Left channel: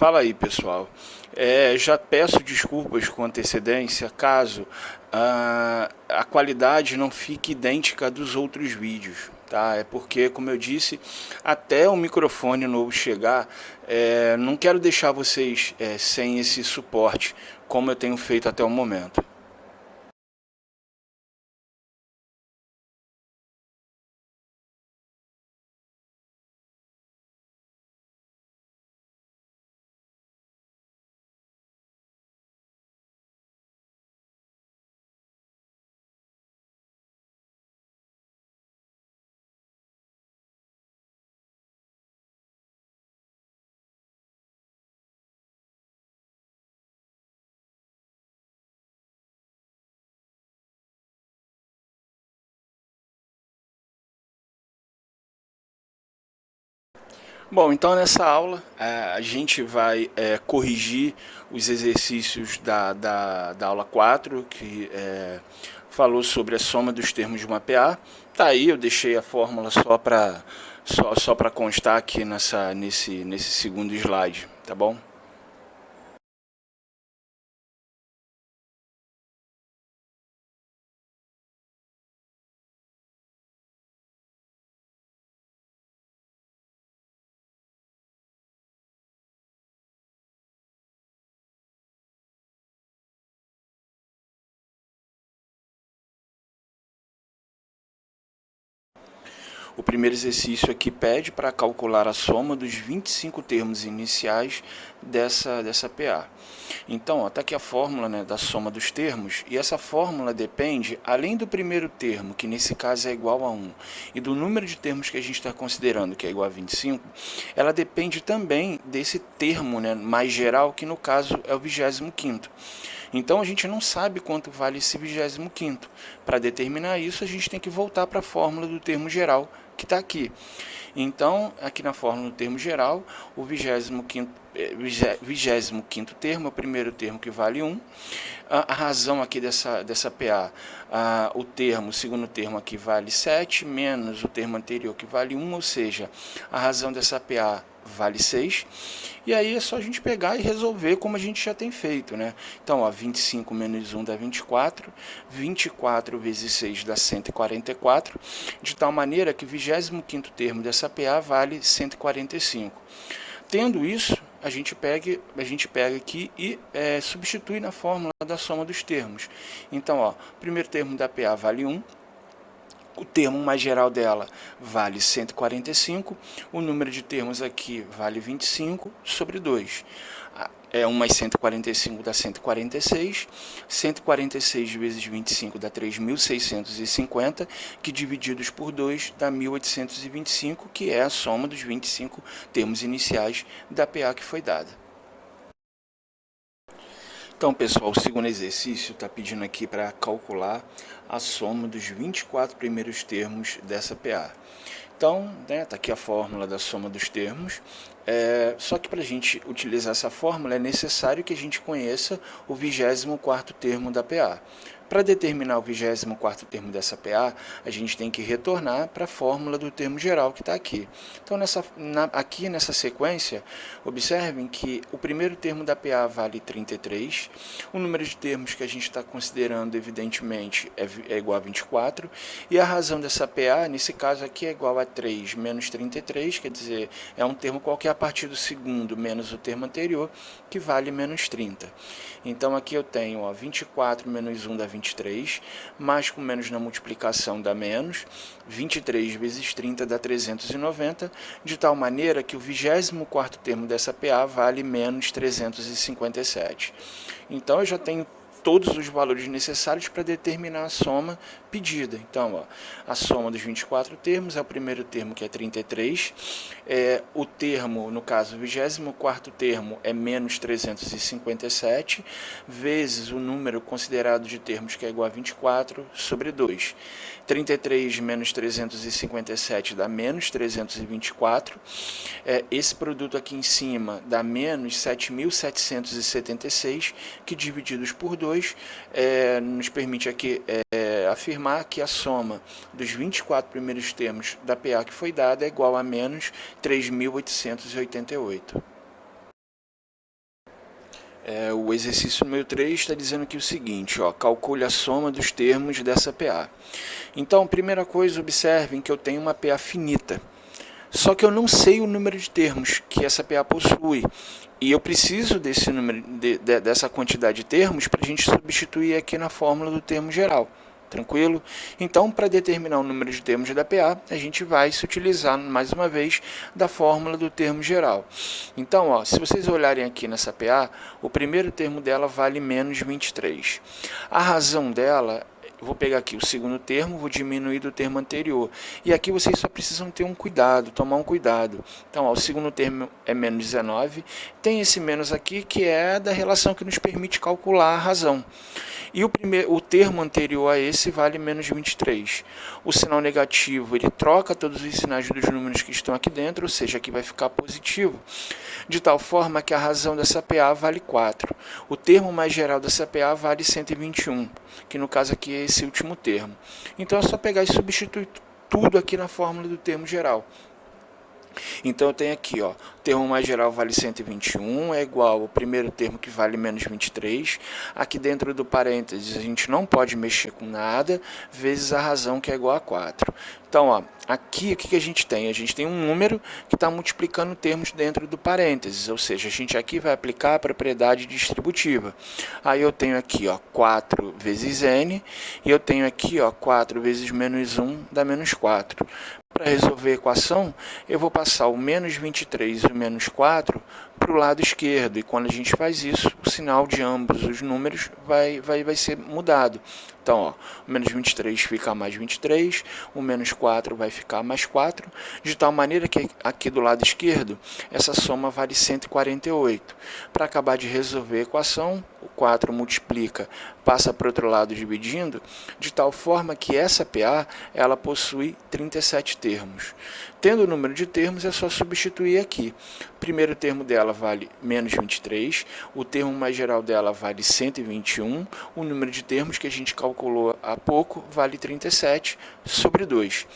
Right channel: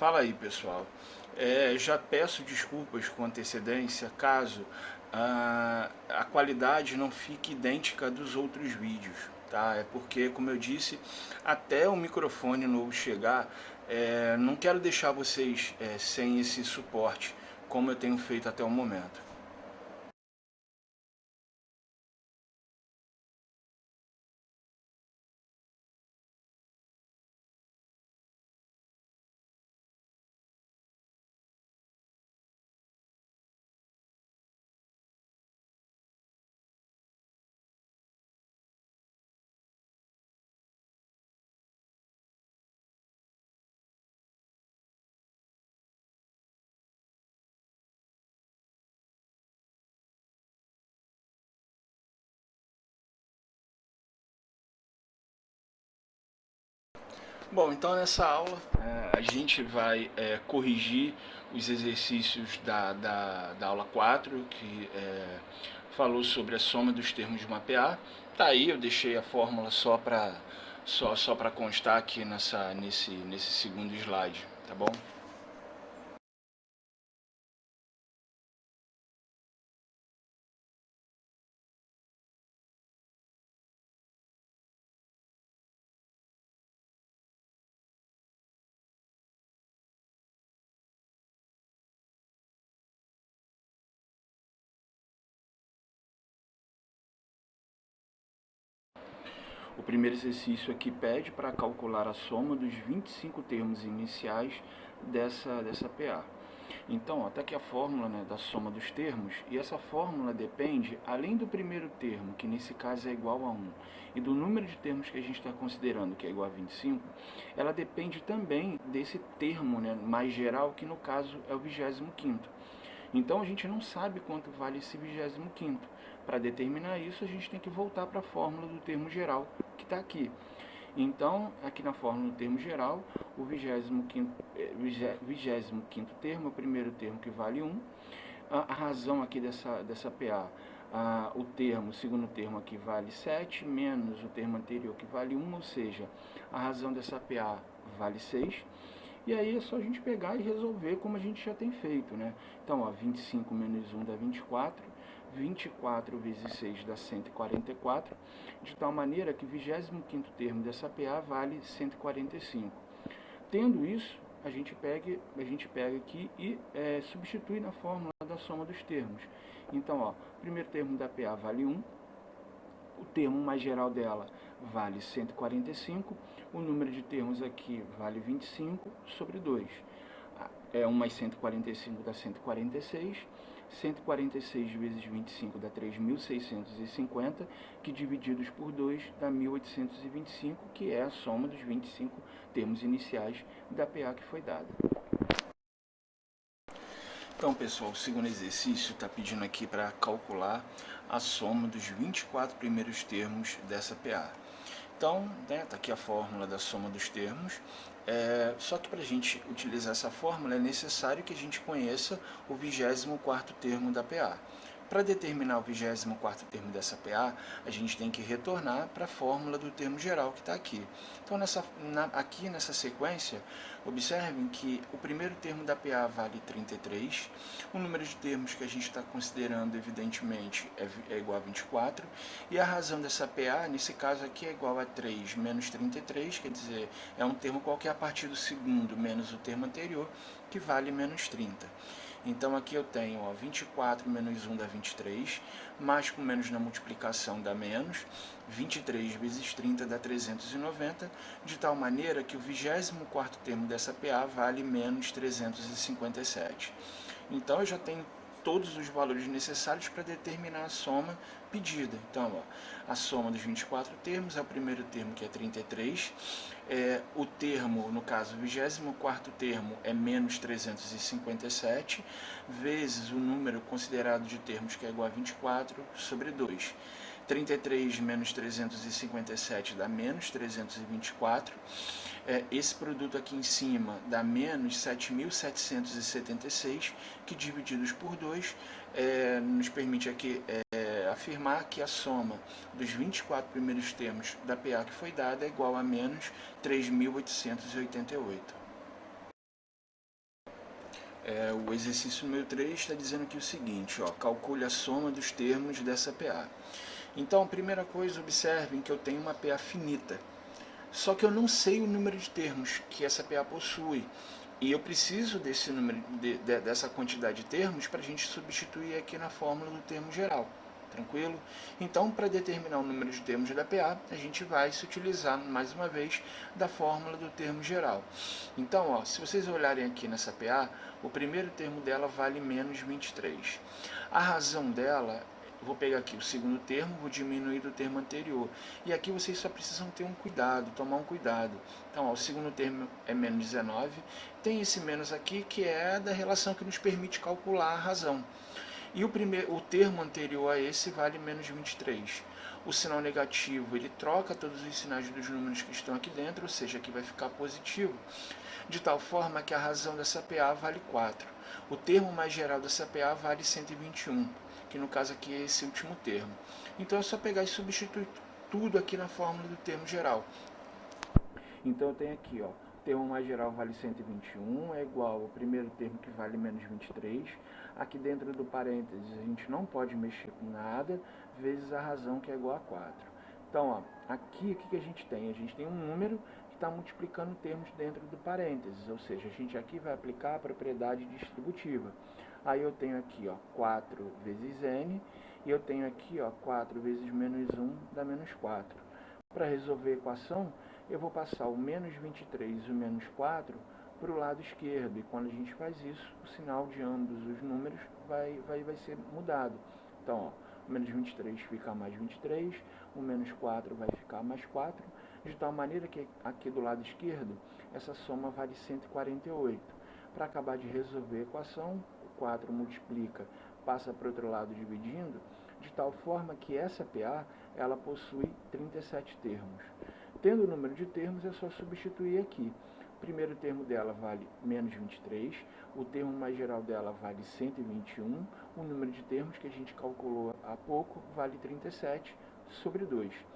Fala aí, pessoal. Já peço desculpas com antecedência caso a qualidade não fique idêntica dos outros vídeos, tá? É porque, como eu disse, até o microfone novo chegar, não quero deixar vocês sem esse suporte, como eu tenho feito até o momento. Bom, então nessa aula a gente vai corrigir os exercícios da aula 4 que falou sobre a soma dos termos de uma PA. Tá aí, eu deixei a fórmula só para constar aqui nesse segundo slide, tá bom? O primeiro exercício aqui pede para calcular a soma dos 25 termos iniciais dessa PA. Então, está aqui a fórmula, né, da soma dos termos, e essa fórmula depende, além do primeiro termo, que nesse caso é igual a 1, e do número de termos que a gente está considerando, que é igual a 25, ela depende também desse termo, né, mais geral, que no caso é o 25º. Então a gente não sabe quanto vale esse 25º. Para determinar isso, a gente tem que voltar para a fórmula do termo geral, que está aqui. Então, aqui na fórmula do termo geral, o 25º termo é o primeiro termo que vale 1. A razão aqui dessa PA, o segundo termo aqui vale 7, menos o termo anterior que vale 1, ou seja, a razão dessa PA vale 6. E aí é só a gente pegar e resolver como a gente já tem feito, né? Então, ó, 25 menos 1 dá 24, 24 vezes 6 dá 144, de tal maneira que o 25º termo dessa PA vale 145. Tendo isso, a gente pega aqui e substitui na fórmula da soma dos termos. Então, ó, o primeiro termo da PA vale 1, o termo mais geral dela vale 145, o número de termos aqui vale 25 sobre 2. 1 mais 145 dá 146, 146 vezes 25 dá 3.650, que divididos por 2 dá 1.825, que é a soma dos 25 termos iniciais da PA que foi dada. Então, pessoal, o segundo exercício está pedindo aqui para calcular a soma dos 24 primeiros termos dessa PA. Então, está aqui a fórmula da soma dos termos, só que para a gente utilizar essa fórmula é necessário que a gente conheça o 24º termo da PA. Para determinar o 24º termo dessa PA, a gente tem que retornar para a fórmula do termo geral que está aqui. Então, aqui nessa sequência, observem que o primeiro termo da PA vale 33, o número de termos que a gente está considerando, evidentemente, é igual a 24, e a razão dessa PA, nesse caso aqui, é igual a 3 menos 33, quer dizer, é um termo qualquer a partir do segundo menos o termo anterior, que vale menos 30. Então, aqui eu tenho 24 menos 1 dá 23, mais com menos na multiplicação dá menos, 23 vezes 30 dá 390, de tal maneira que o 24º termo dessa PA vale menos 357. Então, eu já tenho todos os valores necessários para determinar a soma pedida. Então, ó, a soma dos 24 termos é o primeiro termo, que é 33. O termo, no caso, o 24º termo é menos 357, vezes o número considerado de termos, que é igual a 24, sobre 2. 33 menos 357 dá menos 324. Esse produto aqui em cima dá menos 7.776, que divididos por 2 nos permite aqui afirmar que a soma dos 24 primeiros termos da PA que foi dada é igual a menos 3.888. O exercício número 3 está dizendo aqui o seguinte, ó, calcule a soma dos termos dessa PA. Então, primeira coisa, observem que eu tenho uma PA finita, só que eu não sei o número de termos que essa PA possui. E eu preciso desse número, dessa quantidade de termos para a gente substituir aqui na fórmula do termo geral. Tranquilo? Então, para determinar o número de termos da PA, a gente vai se utilizar, mais uma vez, da fórmula do termo geral. Então, ó, se vocês olharem aqui nessa PA, o primeiro termo dela vale menos 23. A razão dela, vou pegar aqui o segundo termo, vou diminuir do termo anterior. E aqui vocês só precisam ter um cuidado, tomar um cuidado. Então, ó, o segundo termo é menos 19, tem esse menos aqui que é da relação que nos permite calcular a razão. E o termo anterior a esse vale menos 23. O sinal negativo, ele troca todos os sinais dos números que estão aqui dentro, ou seja, aqui vai ficar positivo, de tal forma que a razão dessa PA vale 4. O termo mais geral dessa PA vale 121, que no caso aqui é esse último termo. Então é só pegar e substituir tudo aqui na fórmula do termo geral. Então eu tenho aqui, ó, o termo mais geral vale 121, é igual ao primeiro termo que vale menos 23. Aqui dentro do parênteses a gente não pode mexer com nada, vezes a razão que é igual a 4. Então, ó, aqui o que a gente tem? A gente tem um número que está multiplicando termos dentro do parênteses, ou seja, a gente aqui vai aplicar a propriedade distributiva. Aí eu tenho aqui, ó, 4 vezes n, e eu tenho aqui, ó, 4 vezes menos 1 dá menos 4. Para resolver a equação, eu vou passar o menos 23 e o menos 4 para o lado esquerdo, e quando a gente faz isso, o sinal de ambos os números vai ser mudado. Então, ó, o menos 23 fica mais 23, o menos 4 vai ficar mais 4, de tal maneira que aqui do lado esquerdo, essa soma vale 148. Para acabar de resolver a equação, o 4 multiplica, passa para o outro lado dividindo, de tal forma que essa PA ela possui 37 termos. Tendo o número de termos, é só substituir aqui. O primeiro termo dela vale menos 23, o termo mais geral dela vale 121, o número de termos que a gente calculou há pouco vale 37 sobre 2.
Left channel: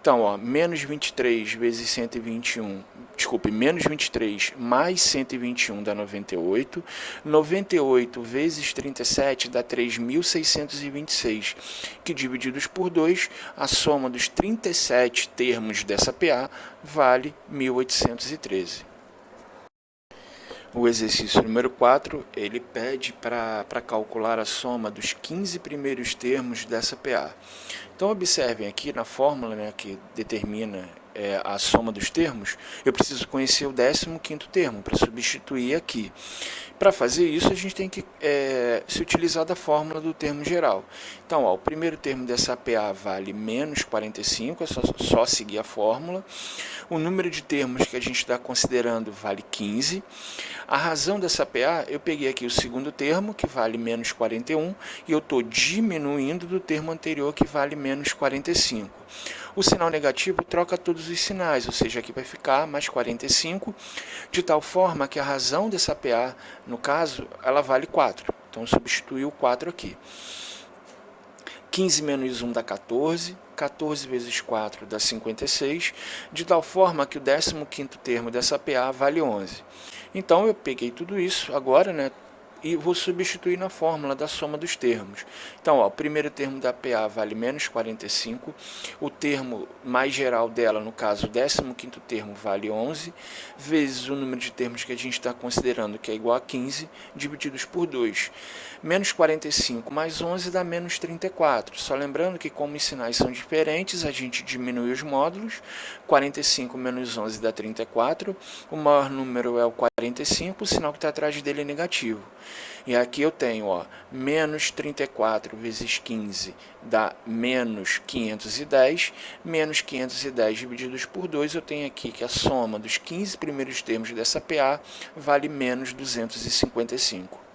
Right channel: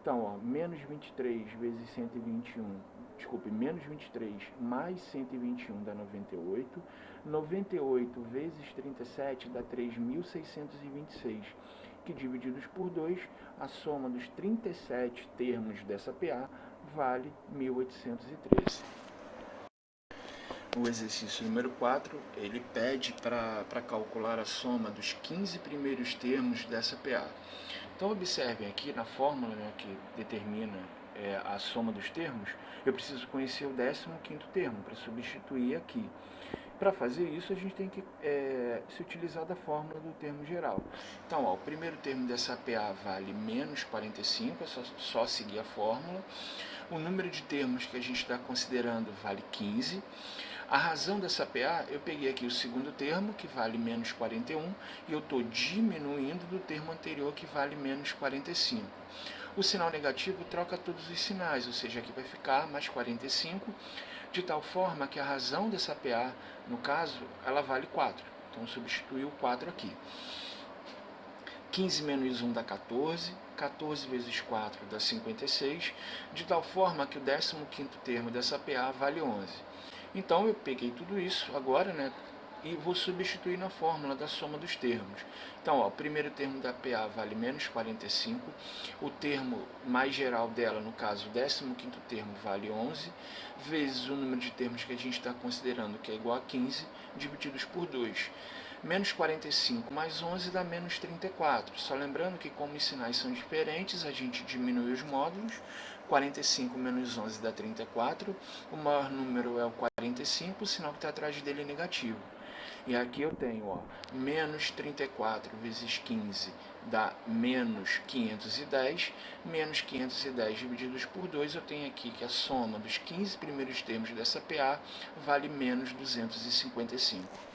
Então, ó, menos 23 vezes 121, menos 23 mais 121 dá 98, 98 vezes 37 dá 3.626, que divididos por 2, a soma dos 37 termos dessa PA vale 1.813. O exercício número 4, ele pede para calcular a soma dos 15 primeiros termos dessa PA. Então, observem aqui na fórmula, né, que determina a soma dos termos, eu preciso conhecer o 15º termo para substituir aqui. Para fazer isso, a gente tem que se utilizar da fórmula do termo geral. Então, ó, o primeiro termo dessa PA vale menos 45, é só seguir a fórmula. O número de termos que a gente está considerando vale 15. A razão dessa PA, eu peguei aqui o segundo termo, que vale menos 41, e eu estou diminuindo do termo anterior, que vale menos 45. O sinal negativo troca todos os sinais, ou seja, aqui vai ficar mais 45, de tal forma que a razão dessa PA, no caso, ela vale 4. Então, substitui o 4 aqui. 15 menos 1 dá 14, 14 vezes 4 dá 56, de tal forma que o 15º termo dessa PA vale 11. Então, eu peguei tudo isso agora, né, e vou substituir na fórmula da soma dos termos. Então, ó, o primeiro termo da PA vale menos 45, o termo mais geral dela, no caso, o 15º termo vale 11, vezes o número de termos que a gente está considerando, que é igual a 15, divididos por 2. Menos 45 mais 11 dá menos 34. Só lembrando que, como os sinais são diferentes, a gente diminui os módulos. 45 menos 11 dá 34. O maior número é o 45, o sinal que está atrás dele é negativo. E aqui eu tenho, ó, menos 34 vezes 15 dá menos 510. Menos 510 divididos por 2, eu tenho aqui que a soma dos 15 primeiros termos dessa PA vale menos 255.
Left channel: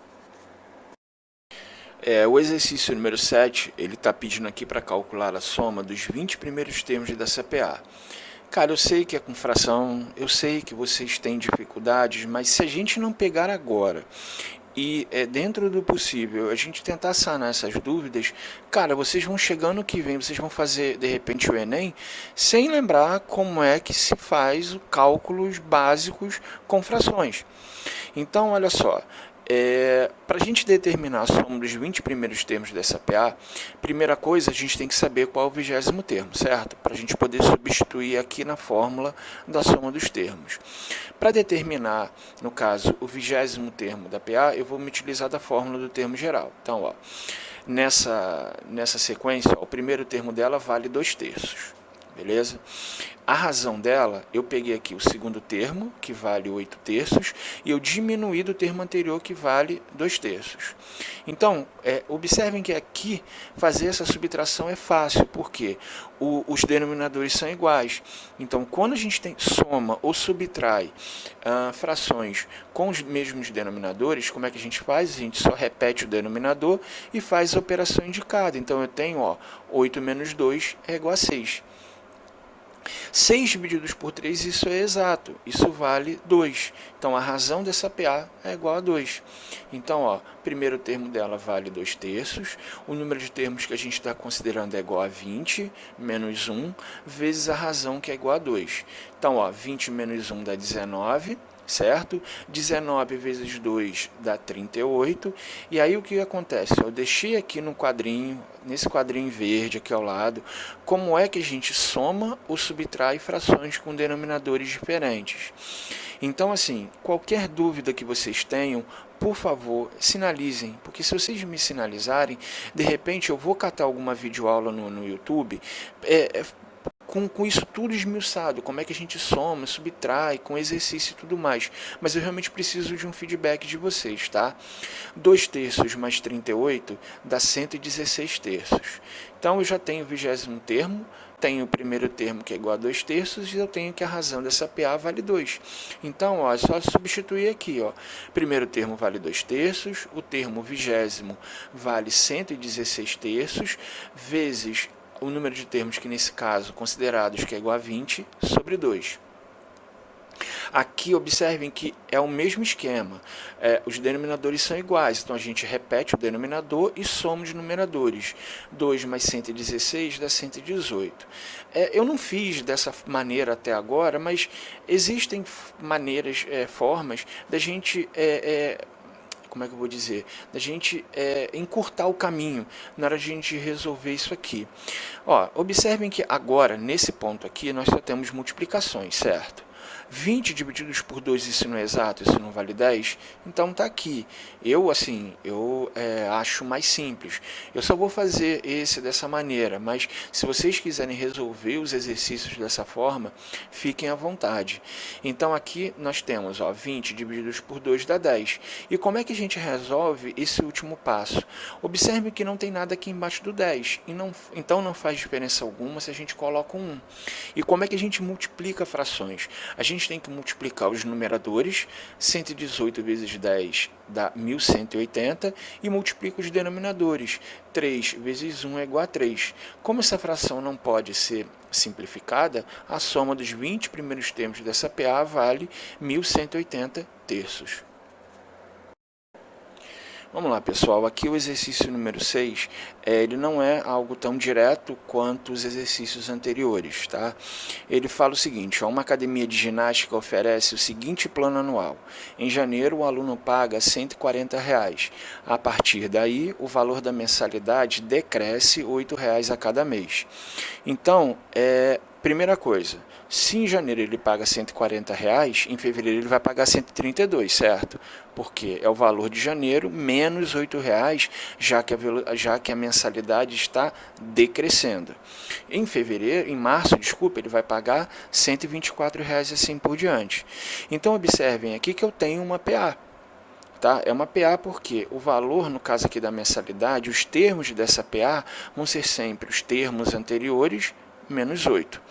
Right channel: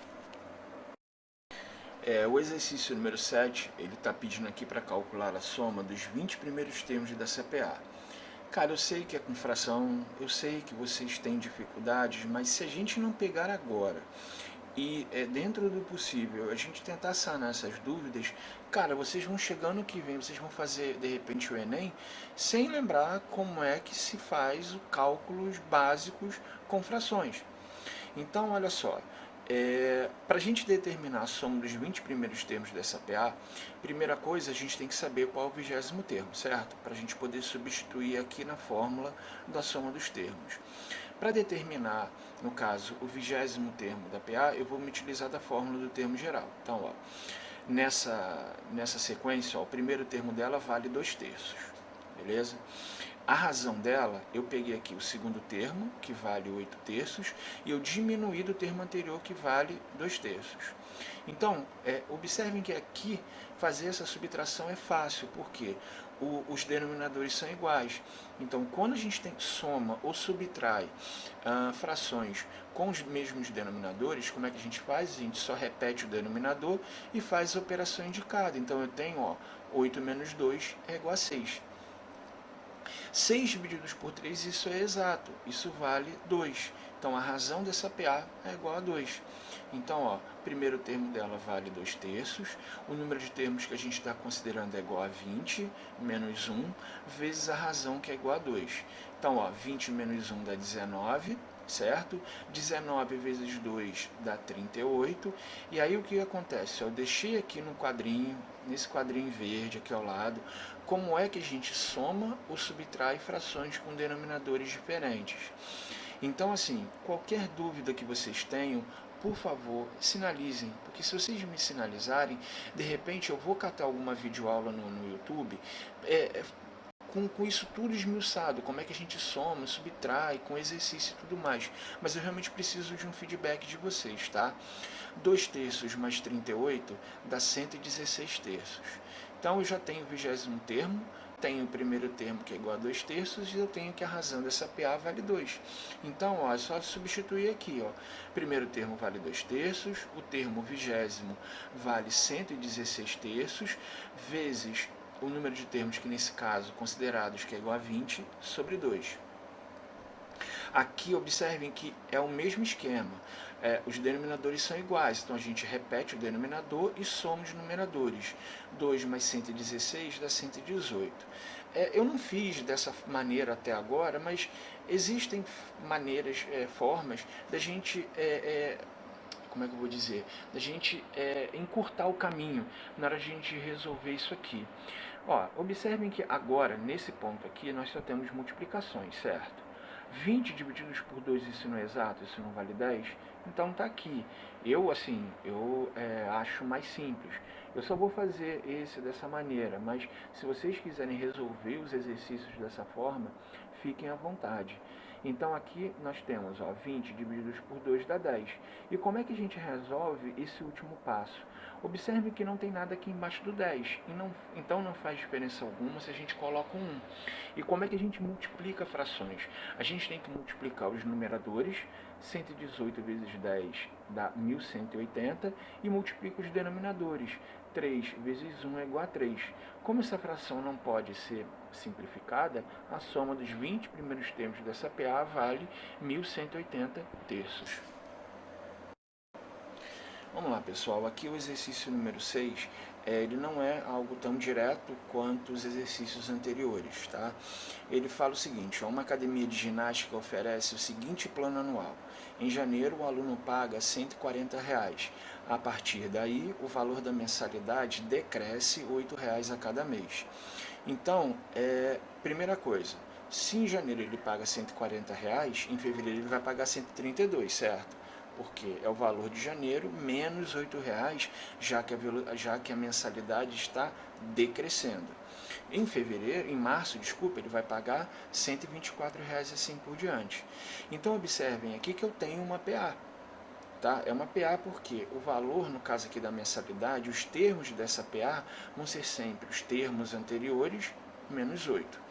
O exercício número 7, ele está pedindo aqui para calcular a soma dos 20 primeiros termos da CPA. Cara, eu sei que é com fração, eu sei que vocês têm dificuldades, mas se a gente não pegar agora e dentro do possível a gente tentar sanar essas dúvidas, cara, vocês vão chegando que vem, vocês vão fazer de repente o Enem sem lembrar como é que se faz os cálculos básicos com frações. Então, olha só, para a gente determinar a soma dos 20 primeiros termos dessa PA, primeira coisa, a gente tem que saber qual é o 20º termo, certo? Para a gente poder substituir aqui na fórmula da soma dos termos. Para determinar, no caso, o 20º termo da PA, eu vou me utilizar da fórmula do termo geral. Então, ó, nessa sequência, ó, o primeiro termo dela vale 2/3. Beleza? A razão dela, eu peguei aqui o segundo termo, que vale 8/3, e eu diminuí do termo anterior, que vale 2/3. Então, observem que aqui fazer essa subtração é fácil, porque os denominadores são iguais. Então, quando a gente soma ou subtrai frações com os mesmos denominadores, como é que a gente faz? A gente só repete o denominador e faz a operação indicada. Então, eu tenho, ó, 8 menos 2 é igual a 6. 6 divididos por 3, isso é exato, isso vale 2. Então, a razão dessa PA é igual a 2. Então, ó, o primeiro termo dela vale 2/3, o número de termos que a gente está considerando é igual a 20, menos 1, vezes a razão, que é igual a 2. Então, ó, 20 menos 1 dá 19, certo? 19 vezes 2 dá 38, e aí o que acontece? Eu deixei aqui no quadrinho, nesse quadrinho verde aqui ao lado, como é que a gente soma ou subtrai frações com denominadores diferentes. Então, assim, qualquer dúvida que vocês tenham, por favor, sinalizem, porque se vocês me sinalizarem, de repente eu vou catar alguma videoaula no YouTube, com isso tudo esmiuçado, como é que a gente soma, subtrai, com exercício e tudo mais. Mas eu realmente preciso de um feedback de vocês, tá? 2/3 mais 38 dá 116/3. Então, eu já tenho o 20º termo, tenho o primeiro termo, que é igual a 2/3, e eu tenho que a razão dessa PA vale 2. Então, ó, é só substituir aqui, ó. Primeiro termo vale 2/3, o termo 20º vale 116/3, vezes o número de termos que, nesse caso, considerados, que é igual a 20, sobre 2. Aqui, observem que é o mesmo esquema. Os denominadores são iguais, então a gente repete o denominador e soma os numeradores. 2 mais 116 dá 118. Eu não fiz dessa maneira até agora, mas existem maneiras, formas da gente... como é que eu vou dizer? Da gente encurtar o caminho na hora de a gente resolver isso aqui. Ó, observem que agora, nesse ponto aqui, nós só temos multiplicações, certo? 20 divididos por 2, isso não é exato, isso não vale 10? Então tá aqui. Eu acho mais simples. Eu só vou fazer esse dessa maneira, mas se vocês quiserem resolver os exercícios dessa forma, fiquem à vontade. Então aqui nós temos, ó, 20 divididos por 2 dá 10. E como é que a gente resolve esse último passo? Observe que não tem nada aqui embaixo do 10, então não faz diferença alguma se a gente coloca um 1. E como é que a gente multiplica frações? A gente tem que multiplicar os numeradores, 118 vezes 10 dá 1180, e multiplica os denominadores, 3 vezes 1 é igual a 3. Como essa fração não pode ser simplificada, a soma dos 20 primeiros termos dessa PA vale 1180/3. Vamos lá, pessoal, aqui o exercício número 6, ele não é algo tão direto quanto os exercícios anteriores, tá? Ele fala o seguinte, ó, uma academia de ginástica oferece o seguinte plano anual. Em janeiro, o aluno paga R$ 140. A partir daí, o valor da mensalidade decresce R$ 8 a cada mês. Então, primeira coisa, se em janeiro ele paga R$ 140, em fevereiro ele vai pagar 132, certo? Porque é o valor de janeiro menos R$ 8, já que a mensalidade está decrescendo. Em março, ele vai pagar R$ 124 e assim por diante. Então, observem aqui que eu tenho uma PA. Tá? É uma PA porque o valor, no caso aqui da mensalidade, os termos dessa PA vão ser sempre os termos anteriores menos 8.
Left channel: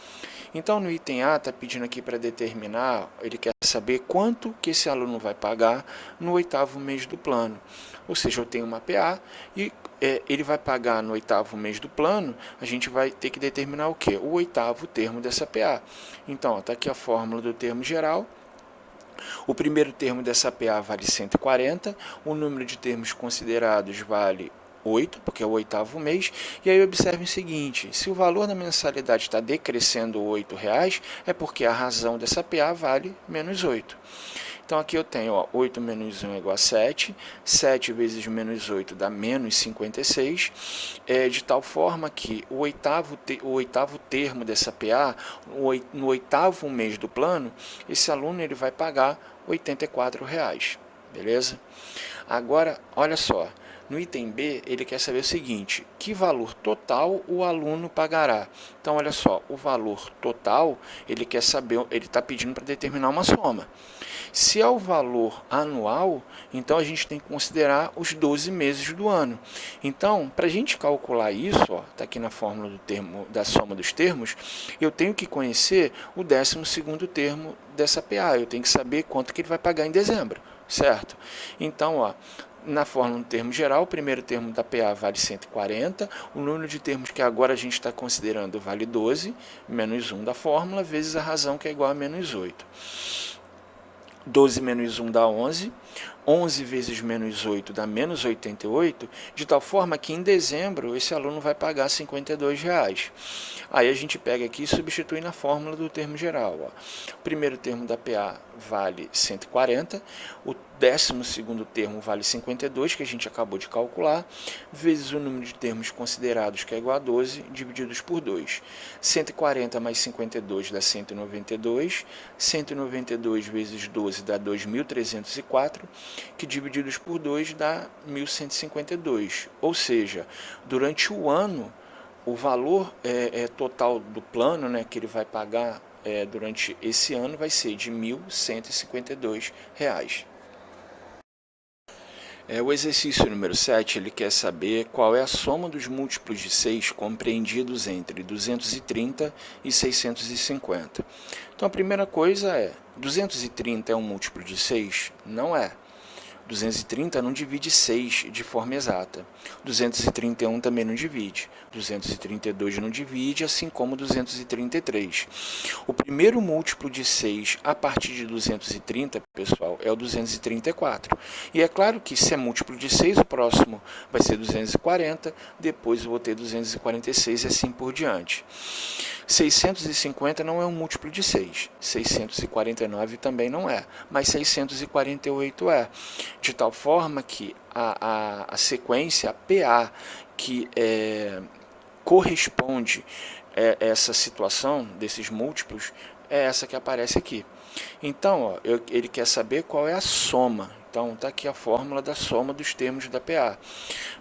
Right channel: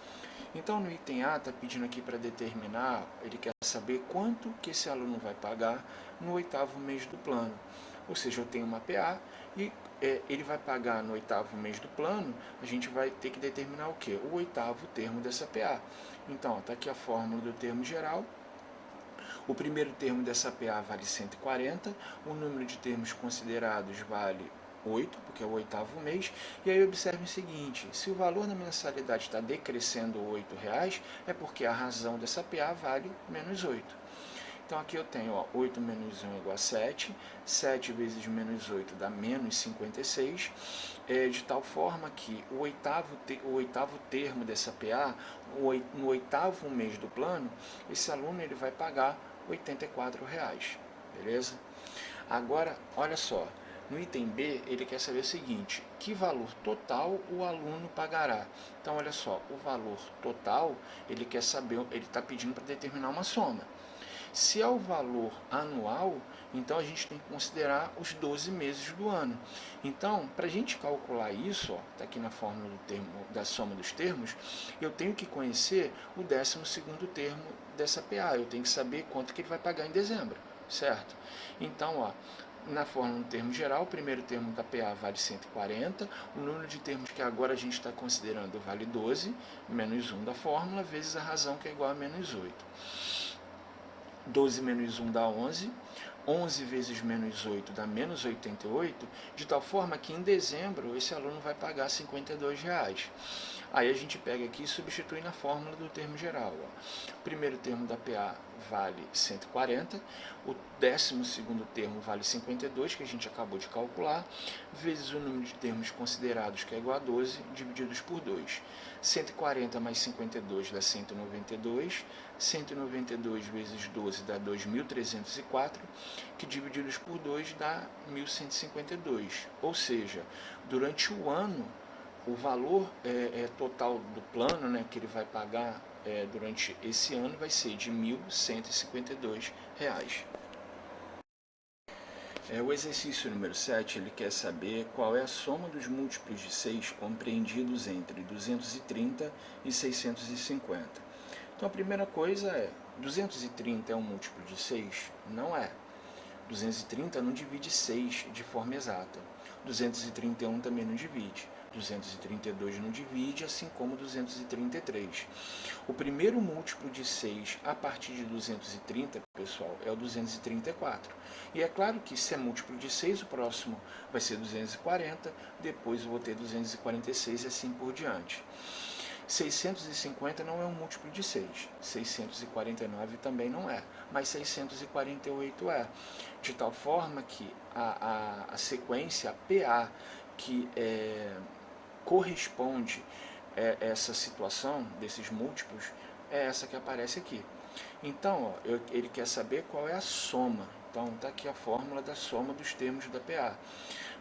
Então, no item A, está pedindo aqui para determinar, ele quer saber quanto que esse aluno vai pagar no 8º mês do plano. Ou seja, eu tenho uma PA e ele vai pagar no 8º mês do plano, a gente vai ter que determinar o quê? O 8º termo dessa PA. Então, está aqui a fórmula do termo geral. O primeiro termo dessa PA vale 140, o número de termos considerados vale 8, porque é o 8º mês, e aí observe o seguinte, se o valor da mensalidade está decrescendo R$ 8, é porque a razão dessa PA vale menos 8. Então aqui eu tenho, ó, 8 menos 1 é igual a 7, 7 vezes menos 8 dá menos 56, de tal forma que o oitavo termo dessa PA, no oitavo mês do plano, esse aluno ele vai pagar R$ 84,00, beleza? Agora, olha só, no item B, ele quer saber o seguinte: que valor total o aluno pagará? Então, olha só, o valor total, ele quer saber, ele está pedindo para determinar uma soma. Se é o valor anual, então a gente tem que considerar os 12 meses do ano. Então, para a gente calcular isso, está aqui na fórmula do termo, da soma dos termos, eu tenho que conhecer o 12º termo dessa PA, eu tenho que saber quanto que ele vai pagar em dezembro, certo? Então, ó, na fórmula do termo geral, o primeiro termo da PA vale 140, o número de termos que agora a gente está considerando vale 12, menos 1 da fórmula, vezes a razão que é igual a menos 8. 12 menos 1 dá 11, 11 vezes menos 8 dá menos 88, de tal forma que em dezembro esse aluno vai pagar R$ 52,00. Aí a gente pega aqui e substitui na fórmula do termo geral. Ó. O primeiro termo da PA vale 140, o 12º termo vale 52, que a gente acabou de calcular, vezes o número de termos considerados, que é igual a 12, divididos por 2. 140 mais 52 dá 192, 192 vezes 12 dá 2.304, que divididos por 2 dá 1.152. Ou seja, durante o ano, o valor total do plano, né, que ele vai pagar durante esse ano vai ser de R$ 1.152. O exercício número 7, ele quer saber qual é a soma dos múltiplos de 6 compreendidos entre 230 e 650. Então, a primeira coisa é, 230 é um múltiplo de 6? Não é. 230 não divide 6 de forma exata. 231 também não divide. 232 não divide, assim como 233. O primeiro múltiplo de 6 a partir de 230, pessoal, é o 234. E é claro que se é múltiplo de 6, o próximo vai ser 240, depois eu vou ter 246 e assim por diante. 650 não é um múltiplo de 6, 649 também não é, mas 648 é, de tal forma que a sequência, a PA, que corresponde a essa situação desses múltiplos, é essa que aparece aqui. Então, ó, ele quer saber qual é a soma. Então, está aqui a fórmula da soma dos termos da PA.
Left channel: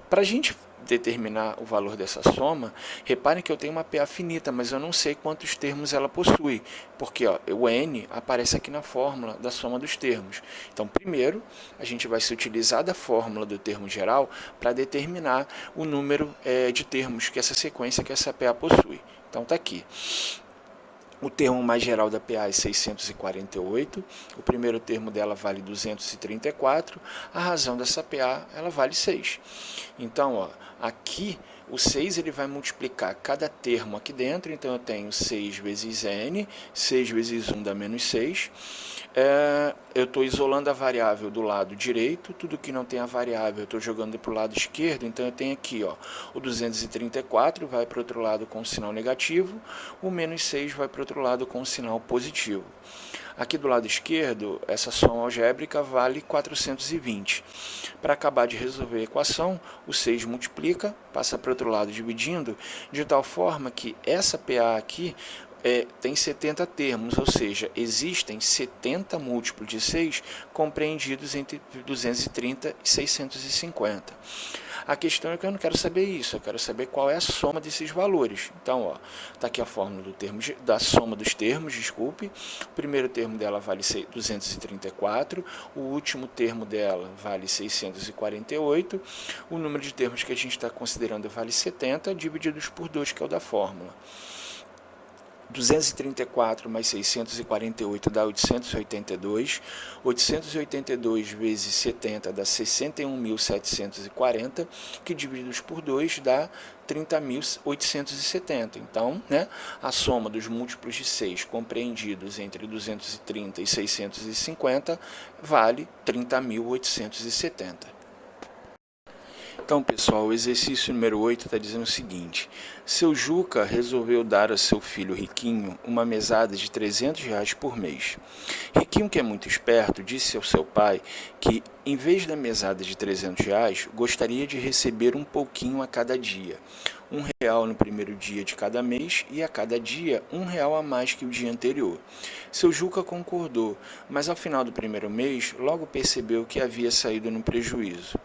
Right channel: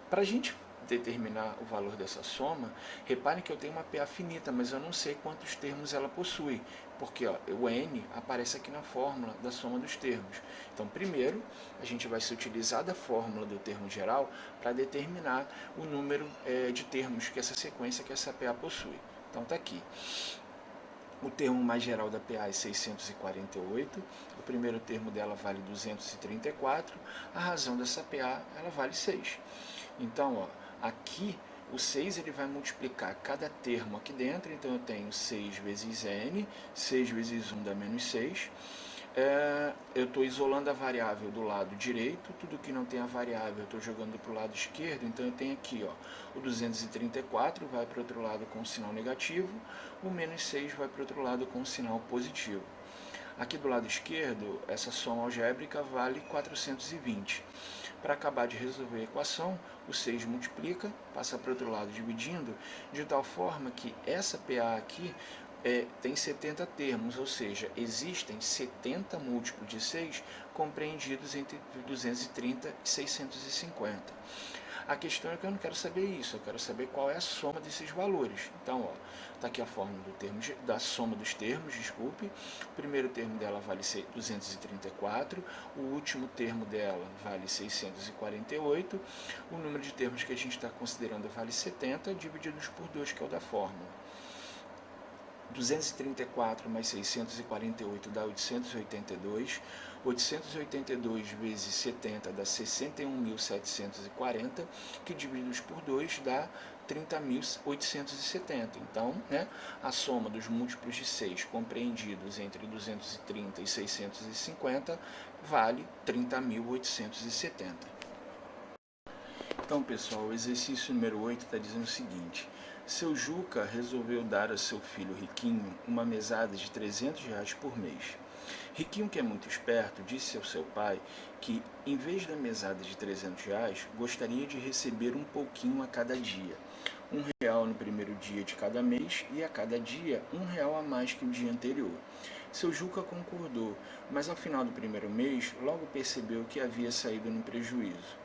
Para a gente determinar o valor dessa soma, reparem que eu tenho uma PA finita, mas eu não sei quantos termos ela possui, porque ó, o N aparece aqui na fórmula da soma dos termos. Então, primeiro, a gente vai se utilizar da fórmula do termo geral para determinar o número de termos que essa sequência, que essa PA possui. Então, está aqui. O termo mais geral da PA é 648, o primeiro termo dela vale 234, a razão dessa PA ela vale 6. Então, ó, aqui o 6 ele vai multiplicar cada termo aqui dentro, então eu tenho 6 vezes n, 6 vezes 1 dá menos 6. Eu estou isolando a variável do lado direito, tudo que não tem a variável eu estou jogando para o lado esquerdo, então eu tenho aqui ó, o 234 vai para o outro lado com o sinal negativo, o menos 6 vai para o outro lado com o sinal positivo. Aqui do lado esquerdo, essa soma algébrica vale 420. Para acabar de resolver a equação, o 6 multiplica, passa para o outro lado dividindo, de tal forma que essa PA aqui tem 70 termos, ou seja, existem 70 múltiplos de 6 compreendidos entre 230 e 650. A questão é que eu não quero saber isso, eu quero saber qual é a soma desses valores. Então, está aqui a fórmula da soma dos termos, desculpe. O primeiro termo dela vale 234, o último termo dela vale 648, o número de termos que a gente está considerando vale 70, divididos por 2, que é o da fórmula. 234 mais 648 dá 882, 882 vezes 70 dá 61.740, que divididos por 2 dá 30.870. Então, né, a soma dos múltiplos de 6 compreendidos entre 230 e 650 vale 30.870. Então, pessoal, o exercício número 8 está dizendo o seguinte: seu Juca resolveu dar a seu filho Riquinho uma mesada de R$ 300 por mês. Riquinho, que é muito esperto, disse ao seu pai que, em vez da mesada de R$ 300, gostaria de receber um pouquinho a cada dia. R$ 1 no primeiro dia de cada mês e a cada dia R$ 1 a mais que o dia anterior. Seu Juca concordou, mas ao final do primeiro mês logo percebeu que havia saído no prejuízo.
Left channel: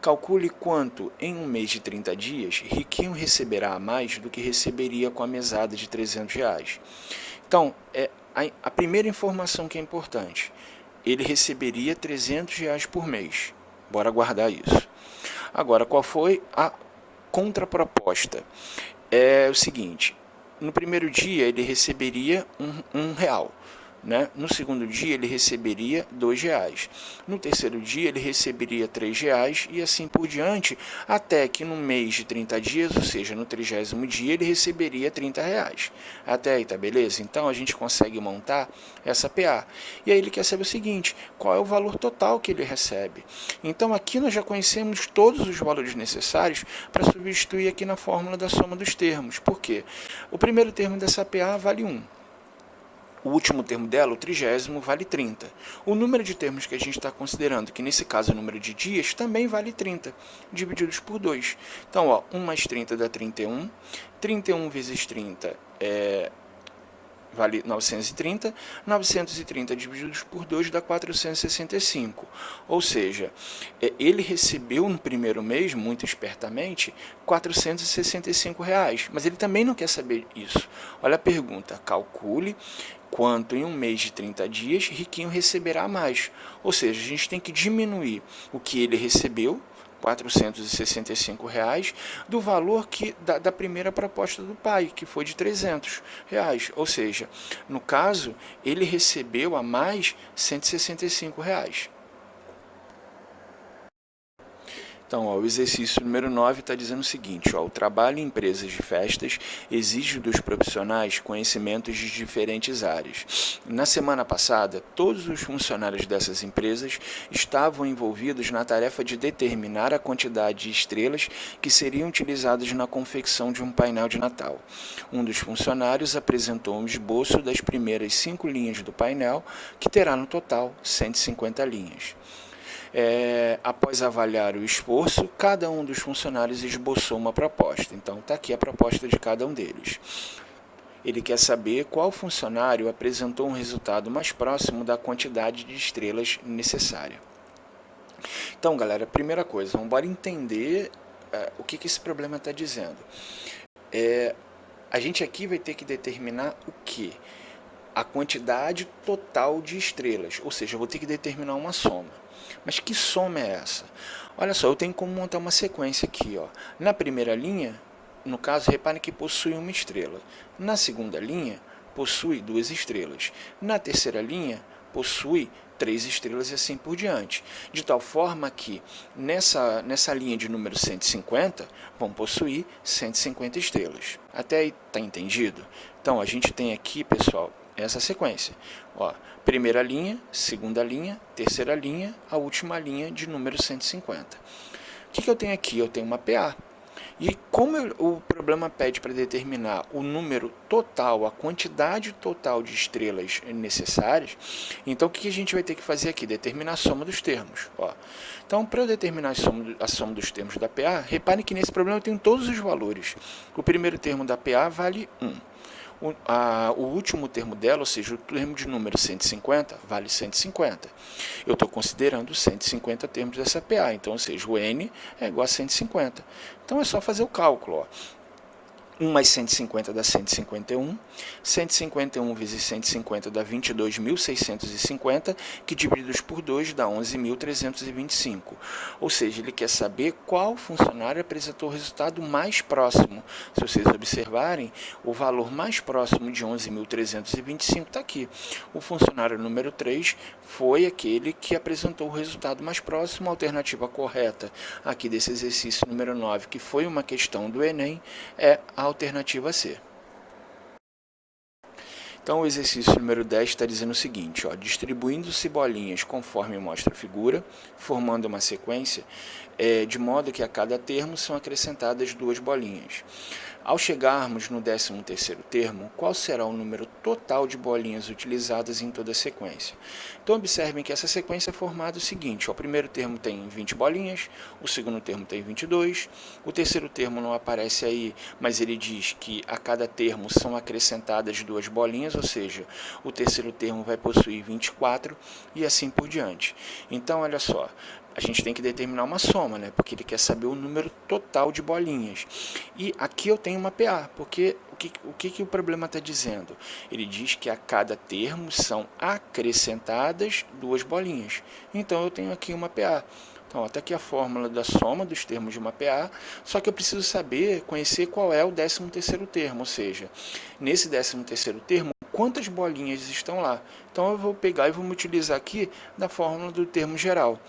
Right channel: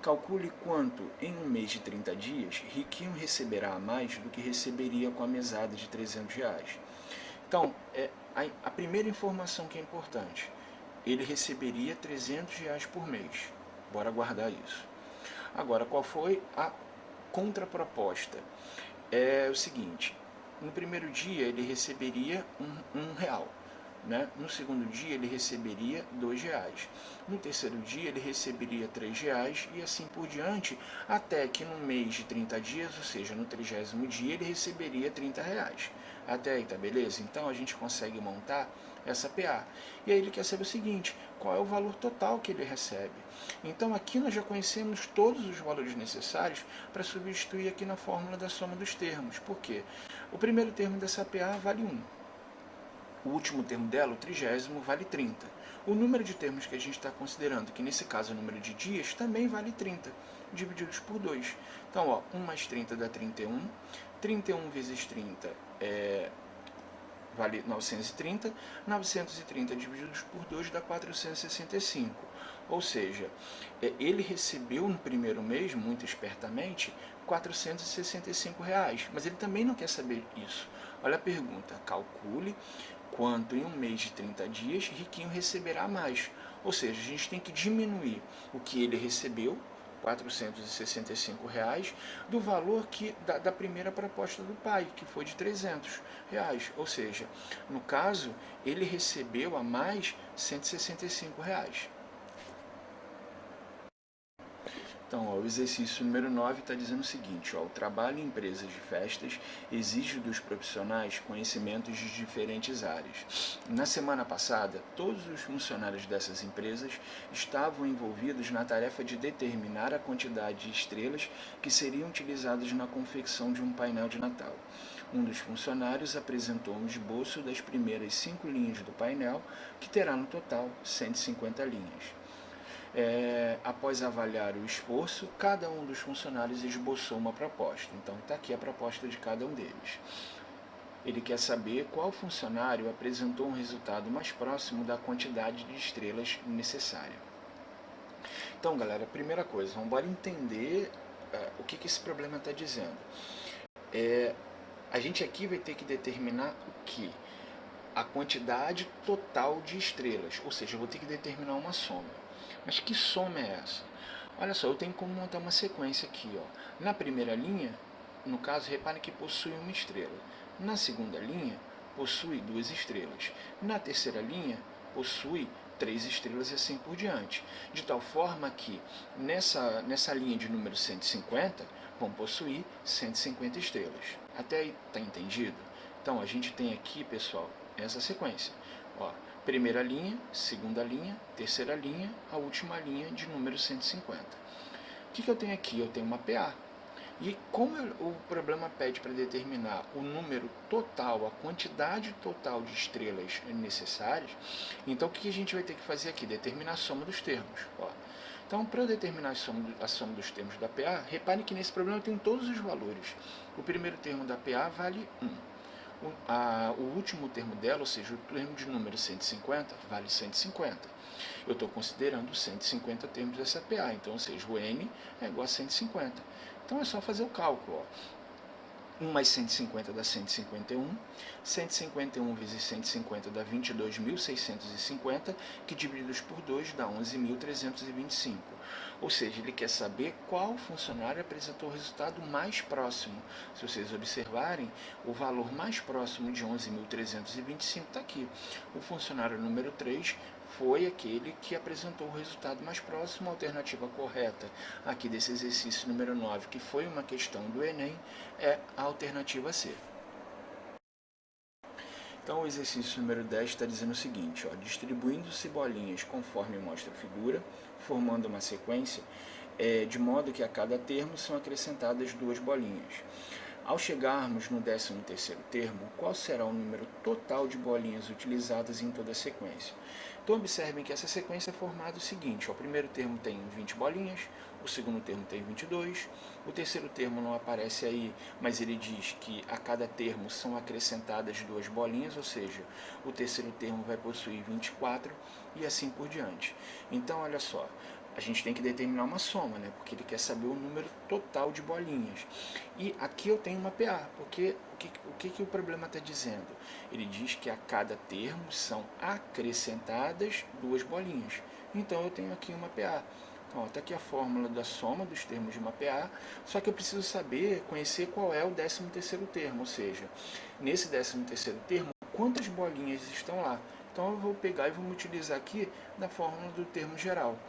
Calcule quanto, em um mês de 30 dias, Riquinho receberá a mais do que receberia com a mesada de R$ 300. Então, a primeira informação que é importante, ele receberia R$ 300 por mês. Bora guardar isso. Agora, qual foi a contraproposta? É o seguinte, no primeiro dia ele receberia um real. Né? No segundo dia ele receberia R$ 2. No terceiro dia ele receberia R$ 3 e assim por diante, até que no mês de 30 dias, ou seja, no 30º dia, ele receberia R$ 30. Até aí, tá beleza? Então a gente consegue montar essa PA. E aí ele quer saber o seguinte, qual é o valor total que ele recebe? Então aqui nós já conhecemos todos os valores necessários para substituir aqui na fórmula da soma dos termos. Por quê? O primeiro termo dessa PA vale 1. O último termo dela, o 30º, vale 30. O número de termos que a gente está considerando, que nesse caso é o número de dias, também vale 30, divididos por 2. Então, 1 mais 30 dá 31. 31 vezes 30 vale 930. 930 divididos por 2 dá 465. Ou seja, ele recebeu no primeiro mês, muito espertamente, R$ 465. Mas ele também não quer saber isso. Olha a pergunta, calcule quanto em um mês de 30 dias Riquinho receberá mais. Ou seja, a gente tem que diminuir o que ele recebeu, R$ 465, do valor da primeira proposta do pai, que foi de R$ 300. Ou seja, no caso, ele recebeu a mais R$ 165. Então, o exercício número 9 está dizendo o seguinte, o trabalho em empresas de festas exige dos profissionais conhecimentos de diferentes áreas. Na semana passada, todos os funcionários dessas empresas estavam envolvidos na tarefa de determinar a quantidade de estrelas que seriam utilizadas na confecção de um painel de Natal. Um dos funcionários apresentou um esboço das primeiras 5 linhas do painel, que terá no total 150 linhas. Após avaliar o esforço, cada um dos funcionários esboçou uma proposta. Então, está aqui a proposta de cada um deles. Ele quer saber qual funcionário apresentou um resultado mais próximo da quantidade de estrelas necessária. Então, galera, primeira coisa, vamos embora entender o que esse problema está dizendo. A gente aqui vai ter que determinar o quê? A quantidade total de estrelas, ou seja, eu vou ter que determinar uma soma. Mas que soma é essa? Olha só, eu tenho como montar uma sequência aqui. Na primeira linha, no caso, reparem que possui uma estrela. Na segunda linha, possui 2 estrelas. Na terceira linha, possui 3 estrelas e assim por diante. De tal forma que, nessa linha de número 150, vão possuir 150 estrelas. Até aí, está entendido? Então, a gente tem aqui, pessoal, essa sequência. Primeira linha, segunda linha, terceira linha, a última linha de número 150. O que eu tenho aqui? Eu tenho uma PA. E como o problema pede para determinar o número total, a quantidade total de estrelas necessárias, então o que a gente vai ter que fazer aqui? Determinar a soma dos termos. Então, para eu determinar a soma dos termos da PA, reparem que nesse problema eu tenho todos os valores. O primeiro termo da PA vale 1. O último termo dela, ou seja, o termo de número 150, vale 150. Eu estou considerando 150 termos dessa PA, então, ou seja, o N é igual a 150. Então, é só fazer o cálculo. 1 mais 150 dá 151, 151 vezes 150 dá 22.650, que divididos por 2 dá 11.325. Ou seja, ele quer saber qual funcionário apresentou o resultado mais próximo. Se vocês observarem, o valor mais próximo de 11.325 está aqui. O funcionário número 3 foi aquele que apresentou o resultado mais próximo. A alternativa correta aqui desse exercício número 9, que foi uma questão do Enem, é a alternativa C. Então, o exercício número 10 está dizendo o seguinte, ó, distribuindo-se bolinhas conforme mostra a figura, formando uma sequência, de modo que a cada termo são acrescentadas 2 bolinhas. Ao chegarmos no 13º termo, qual será o número total de bolinhas utilizadas em toda a sequência? Então, observem que essa sequência é formada o seguinte, ó, o primeiro termo tem 20 bolinhas, o segundo termo tem 22, o terceiro termo não aparece aí, mas ele diz que a cada termo são acrescentadas 2 bolinhas, ou seja, o terceiro termo vai possuir 24 e assim por diante. Então, olha só, a gente tem que determinar uma soma, né? Porque ele quer saber o número total de bolinhas. E aqui eu tenho uma PA, porque o que o problema está dizendo? Ele diz que a cada termo são acrescentadas 2 bolinhas. Então eu tenho aqui uma PA. Então, até aqui a fórmula da soma dos termos de uma PA, só que eu preciso saber, conhecer qual é o 13º termo, ou seja, nesse 13º termo, quantas bolinhas estão lá. Então eu vou pegar e vou me utilizar aqui da fórmula do termo geral.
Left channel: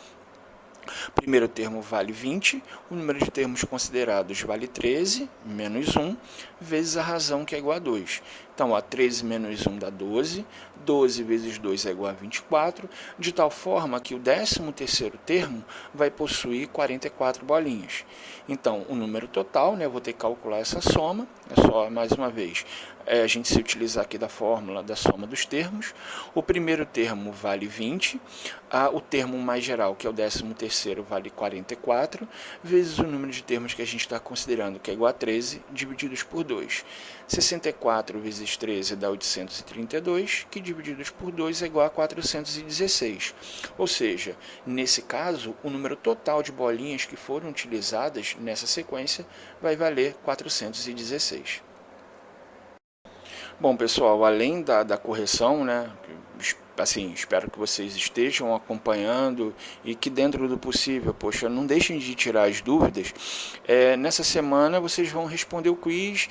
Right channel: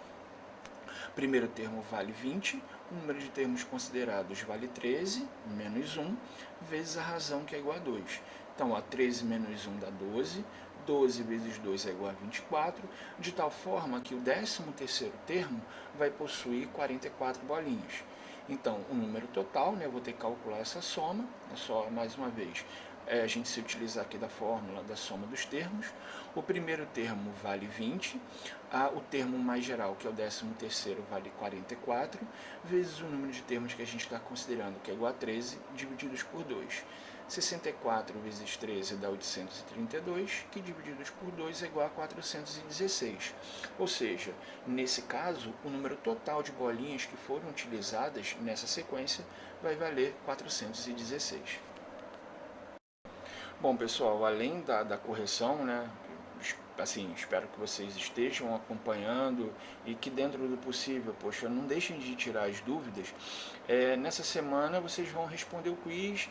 Primeiro termo vale 20, o número de termos considerados vale 13, menos 1, vezes a razão, que é igual a 2. Então, 13 menos 1 dá 12, 12 vezes 2 é igual a 24, de tal forma que o 13º termo vai possuir 44 bolinhas. Então, o número total, né, eu vou ter que calcular essa soma, é só, mais uma vez, a gente se utilizar aqui da fórmula da soma dos termos. O primeiro termo vale 20, o termo mais geral, que é o 13º, vale 44, vezes o número de termos que a gente está considerando, que é igual a 13, divididos por 2. 64 vezes 13 dá 832, que divididos por 2 é igual a 416. Ou seja, nesse caso, o número total de bolinhas que foram utilizadas nessa sequência vai valer 416. Bom, pessoal, além da correção, né, assim, espero que vocês estejam acompanhando e que dentro do possível, poxa, não deixem de tirar as dúvidas. Nessa semana vocês vão responder o quiz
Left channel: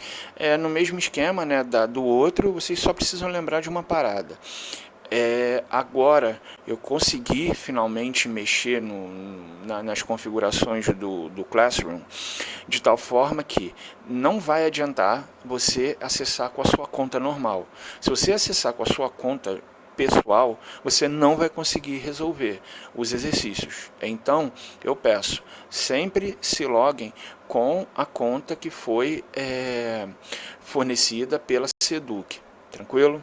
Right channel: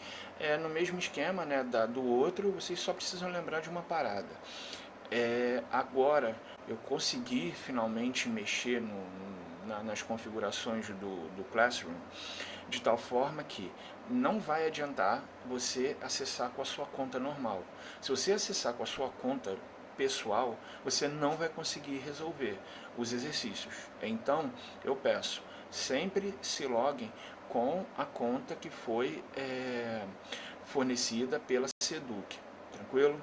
no mesmo esquema, né, do outro, vocês só precisam lembrar de uma parada. Agora eu consegui finalmente mexer nas configurações do Classroom, de tal forma que não vai adiantar você acessar com a sua conta normal. Se você acessar com a sua conta pessoal, você não vai conseguir resolver os exercícios. Então, eu peço, sempre se loguem com a conta que foi fornecida pela Seduc. Tranquilo?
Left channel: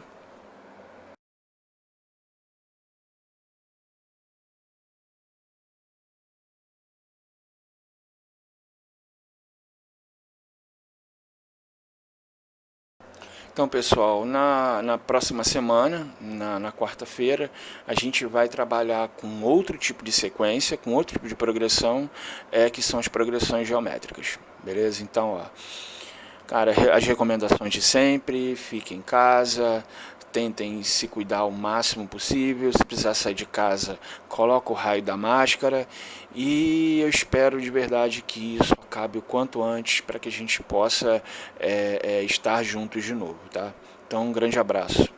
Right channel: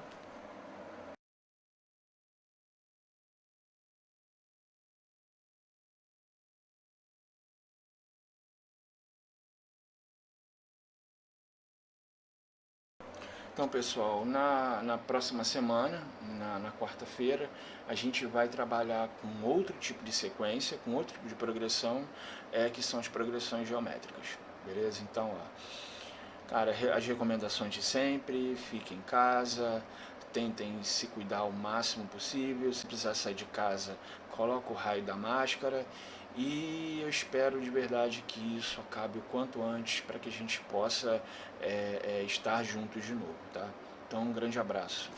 Então, pessoal, na próxima semana, na quarta-feira, a gente vai trabalhar com outro tipo de sequência, com outro tipo de progressão, que são as progressões geométricas, beleza? Então, ó, cara, as recomendações de sempre, fiquem em casa, tentem se cuidar o máximo possível, se precisar sair de casa, coloca o raio da máscara e eu espero de verdade que isso acabe o quanto antes para que a gente possa estar juntos de novo, tá? Então, um grande abraço.